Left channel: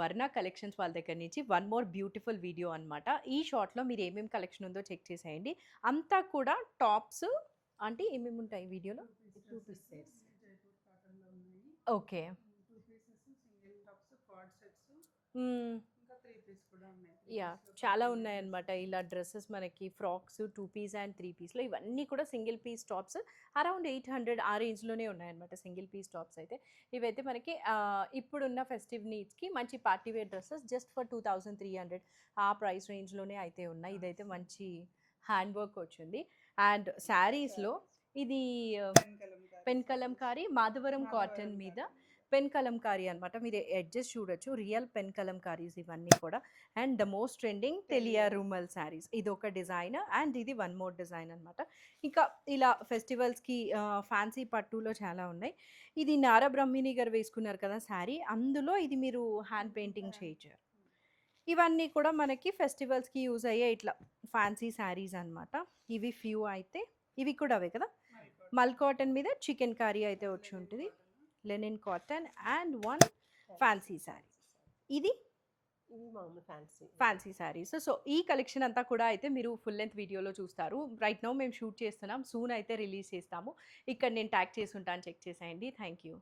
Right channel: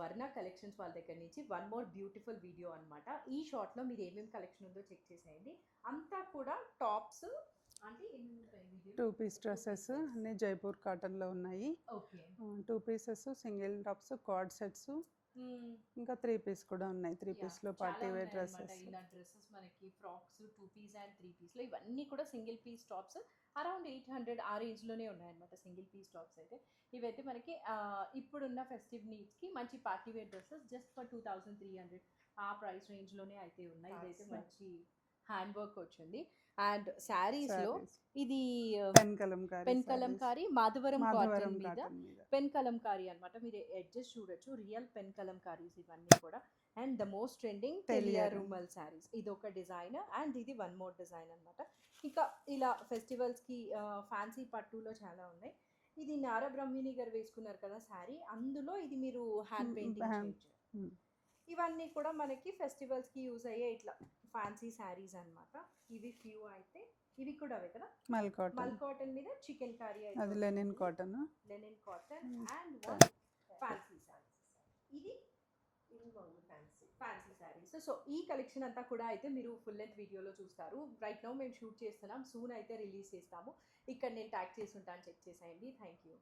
వర్ణ కలెక్షన్స్ వాళ్ళ దగ్గర నుంచి వన్ మోర్ బ్యూటిఫుల్ వీడియో అనమాట. ఈ షార్ట్లో మీరు ఏమేమి కలెక్షన్ ఉందో చెక్ చేసేయండి. అంతా కూడా టాప్స్ అంటే ఏమేమి ఉంటాయి వీడియోలో? 2 పీస్ డ్రెస్సెస్ అన్ని జైపూర్ కాటన్లో ఉన్నాయి. Okay. 2 pieces, single tops, card sets, ఇంకా 3 పీస్ కూడా ఉన్నాయి. 3 పీస్లో చాలా ఉన్నాయన్నమాట. ఇలా డ్రెస్సెస్ మనకి ఫ్రాక్స్ 2 పీస్ అండ్ 3 పీస్లో ఇవన్నీ కూడా సింగిల్ పీస్ టాప్స్ అరౌండ్ 800 ఆ రేంజ్లోనే ఉన్నాయన్నమాట సింగిల్ పీస్ టాప్స్ అయితే. ఇవైతే మనకి ఇప్పుడున్న ఫెస్టివ్ నీడ్స్కి మంచి party wear dresses just for 2300 a price రేంజ్లోనే అయితే ఉన్నాయి. ఇదైతే మంచి హ్యాండ్ వర్క్ వచ్చింది. అండ్ శారీస్లో ఇది పెన్ కలంకారీ మాధవరం కాటన్ మీద పెన్ కలంకారీ అనమాట. మీరు ఎడ్జెస్ చూడొచ్చు, రియల్ పెన్ కలంకారీస్ ఇవన్నీ కూడా. And the most trending Telia rumal saris, ఇది ఒక డిజైన్ అండ్ ఇది వన్ మోర్ డిజైన్ అనమాట. ఇంకా ఇలా ఫెస్టివల్స్కి ఫ్యాన్సీ పట్టులో చాలా ఉన్నాయి. ఇది నారా బ్రహ్మిణి గారు వేసుకున్నారు కదా శారీ, అందులో ఇది మీరు హ్యాండ్ పెయింటింగ్ చేయించారు. ఇవన్నీ కూడా మనకి ఫెస్టివల్స్కి యూజ్ అయ్యే ఇట్లా ఫ్యాన్సీ శారీస్ అనమాట. ఇవి ఫ్యూ అయితే ఇవి కూడా అవే కదా, మల్ కాటన్ మీద చికెన్ కర్రీ అయితే linen cotton and one fancy sari. ఇది ఫ్యాన్సీ శారీస్. సో ఈ కలెక్షన్ అంతా కూడా అయితే మీరు ఫుల్ లెంత్ వీడియోలో చూస్తారు. రైట్ నౌ మేము షూట్ చేస్తున్నాం, సూన్ అయితే రిలీజ్ చేస్తాము. ఇక్కడ నేను ట్యాగ్ చేసి ఉంటాను, చెక్ చేసేయండి. Thank you.